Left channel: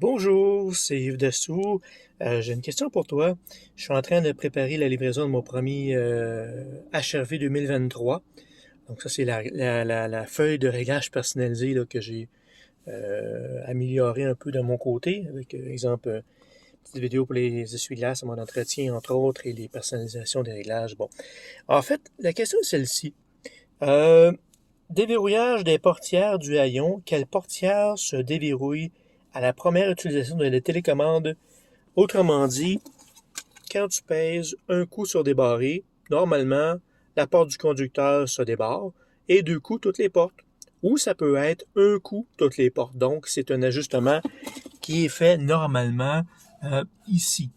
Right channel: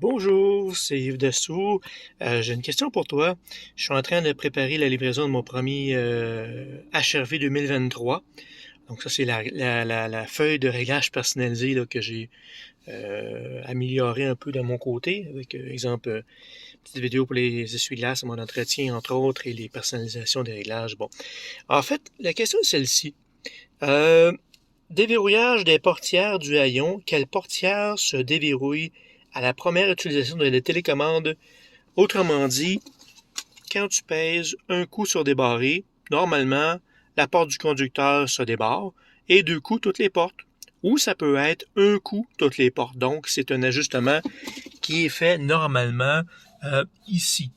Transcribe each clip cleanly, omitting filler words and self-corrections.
Bonjour, c'est Yves Dessous. J'ai une question pour toi. Je suis en train de préparer la livraison de mon premier HRV 2023. Donc ça, c'est la feuille de réglage personnalisée là, que j'ai améliorée un peu de mon côté, avec, exemple, petite vidéo pour les essuie-glaces, mon entretien, entre autres, et les personnalisations des réglages. Bon, en fait, la question est celle-ci. Euh, Déverrouillage des portières du haillon. Quelle portière se déverrouille à la première utilisation de la télécommande? Autrement dit, quand tu pèses un coup sur débarrer, normalement, la porte du conducteur se débarre et deux coups toutes les portes. Ou ça peut être un coup toutes les portes. Donc, c'est un ajustement qui est fait normalement ici.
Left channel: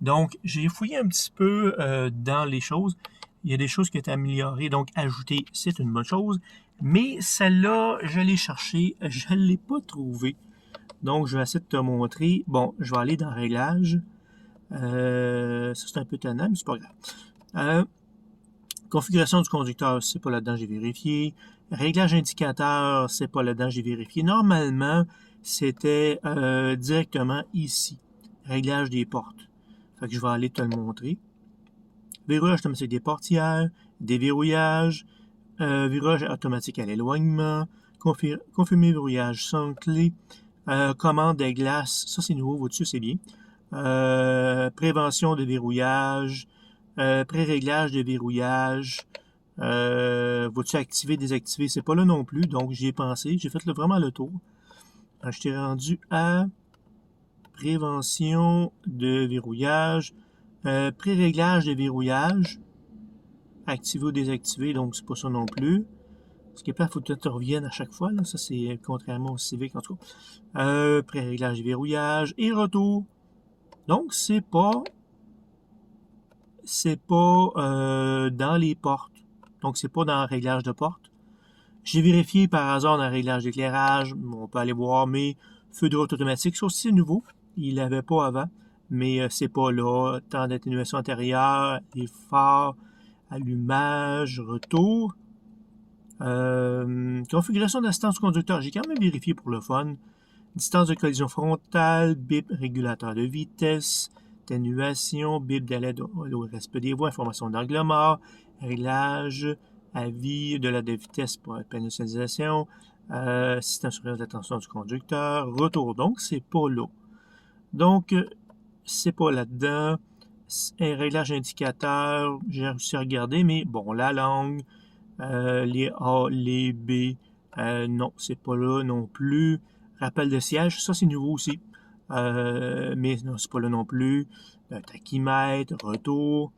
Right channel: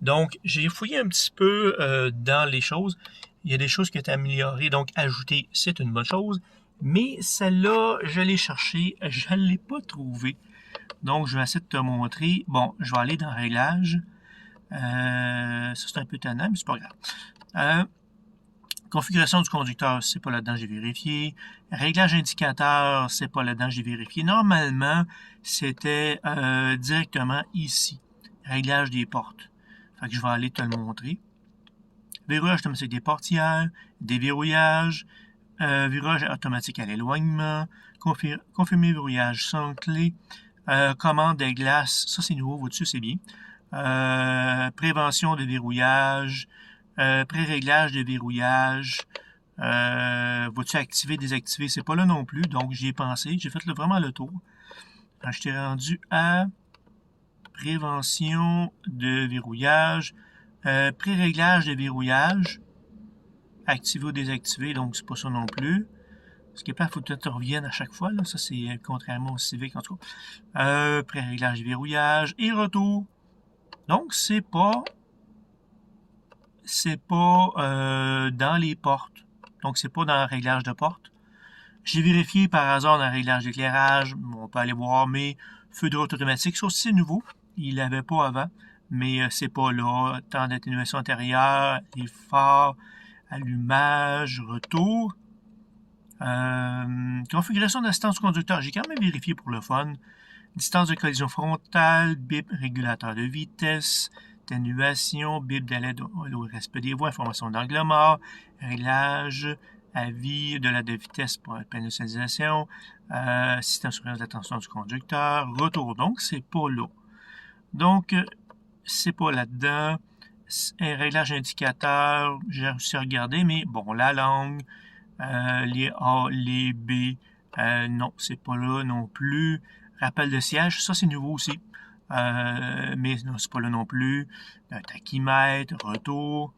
Donc, j'ai fouillé un petit peu dans les choses. Il y a des choses qui ont été améliorées, donc ajouter, c'est une bonne chose. Mais celle-là, je l'ai cherchée, je ne l'ai pas trouvée. Donc, je vais essayer de te montrer. Bon, je vais aller dans Réglages. Ça, c'est un peu tannant, mais c'est pas grave. Euh, Configuration du conducteur, c'est pas là-dedans, j'ai vérifié. Réglage indicateur, c'est pas là-dedans, j'ai vérifié. Normalement, c'était directement ici. Réglage des portes. Fait que je vais aller te le montrer. Verrouillage automatique des portières, déverrouillage, verrouillage automatique à l'éloignement, confirmer verrouillage sans clé, commande des glaces, ça c'est nouveau, au-dessus c'est bien. Prévention de verrouillage, pré-réglage de verrouillage, vas-tu activer, désactiver, c'est pas là non plus, donc j'y ai pensé, j'ai fait vraiment le tour. Je t'ai rendu à prévention de verrouillage, pré-réglage de verrouillage, activer ou désactiver, donc c'est pas ça non plus. Ce qui est pas, il faut que tu reviennes à chaque fois, là. Ça, c'est contrairement au Civic, en tout cas. Pré-réglage de verrouillage et retour. Donc, c'est pas dans les portes. Donc, c'est pas dans le réglage de porte. J'ai vérifié par hasard dans le réglage d'éclairage. On peut aller voir mes feux de route automatiques. Ça aussi, c'est nouveau. Il l'avait pas avant. Mais c'est pas là. Temps d'atténuation antérieure, les phares, allumage, retour. Configuration d'assistance du conducteur. J'ai quand même vérifié pour le fun. Distance de collision frontale, bip régulateur de vitesse, atténuation, bip d'aide au respect des voies, information d'angle mort, réglage, avis de l'aide de vitesse pour la pénalisation, système de surveillance d'attention du conducteur, retour. Donc, c'est pas là. Donc, c'est pas là-dedans. Réglage indicateur, j'ai réussi à regarder, mais bon, la langue, les A, les B, non, c'est pas là non plus. Rappel de siège, ça c'est nouveau aussi. Mais non, c'est pas là non plus. Tachymètre, retour.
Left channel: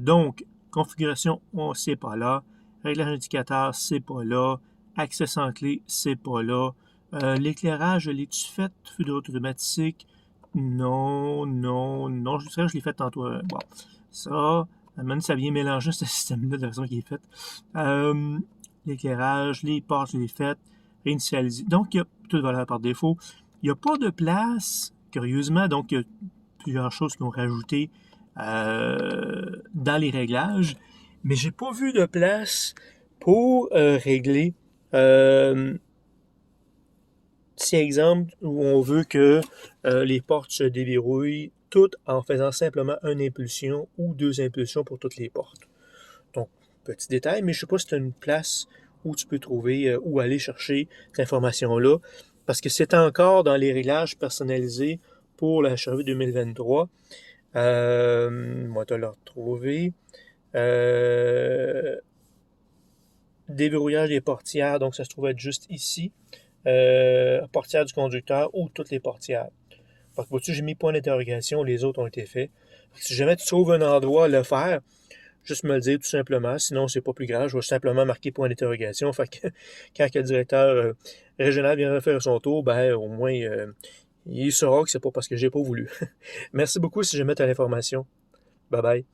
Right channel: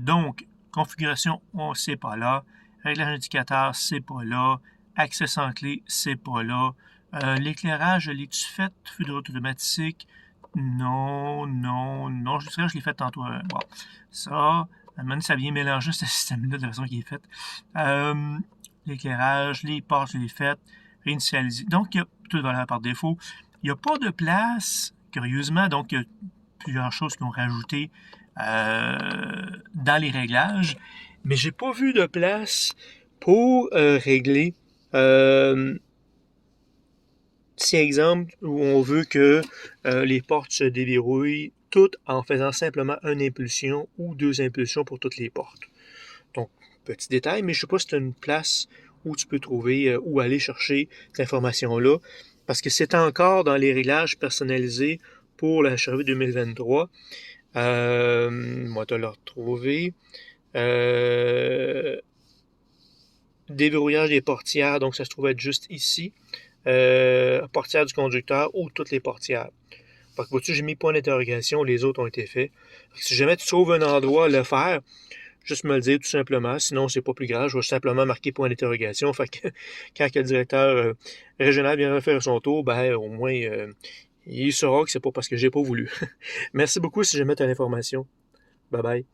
Donc, configuration, c'est pas là. Réglage indicateur, c'est pas là. Accès sans clé, c'est pas là. L'éclairage, l'ai-tu fait? Feu de route automatique? Non, non, non. Je dirais que je l'ai fait tantôt. Bon, ça, maintenant, ça vient mélanger ce système-là de la façon qu'il est fait. L'éclairage, les portes, je l'ai fait. Réinitialiser. Donc, il y a tout de valeur par défaut. Il n'y a pas de place, curieusement. Donc, il y a plusieurs choses qui ont rajouté dans les réglages. Mais j'ai pas vu de place pour régler si exemple où on veut que les portes se déverrouillent toutes en faisant simplement une impulsion ou deux impulsions pour toutes les portes. Donc, petit détail, mais je ne sais pas si tu as une place où tu peux trouver, où aller chercher cette information-là, parce que c'est encore dans les réglages personnalisés pour la HRV 2023. Moi, te le retrouver. Déverrouillage des portières, donc ça se trouve être juste ici. Portière du conducteur ou toutes les portières. Fait que vois-tu, j'ai mis point d'interrogation, les autres ont été faits. Fait que si jamais tu trouves un endroit à le faire, juste me le dire tout simplement, sinon c'est pas plus grave, je vais simplement marquer point d'interrogation. Fait que quand le directeur régional viendra faire son tour, ben au moins il saura que c'est pas parce que j'ai pas voulu. Merci beaucoup si jamais tu as l'information. Bye bye.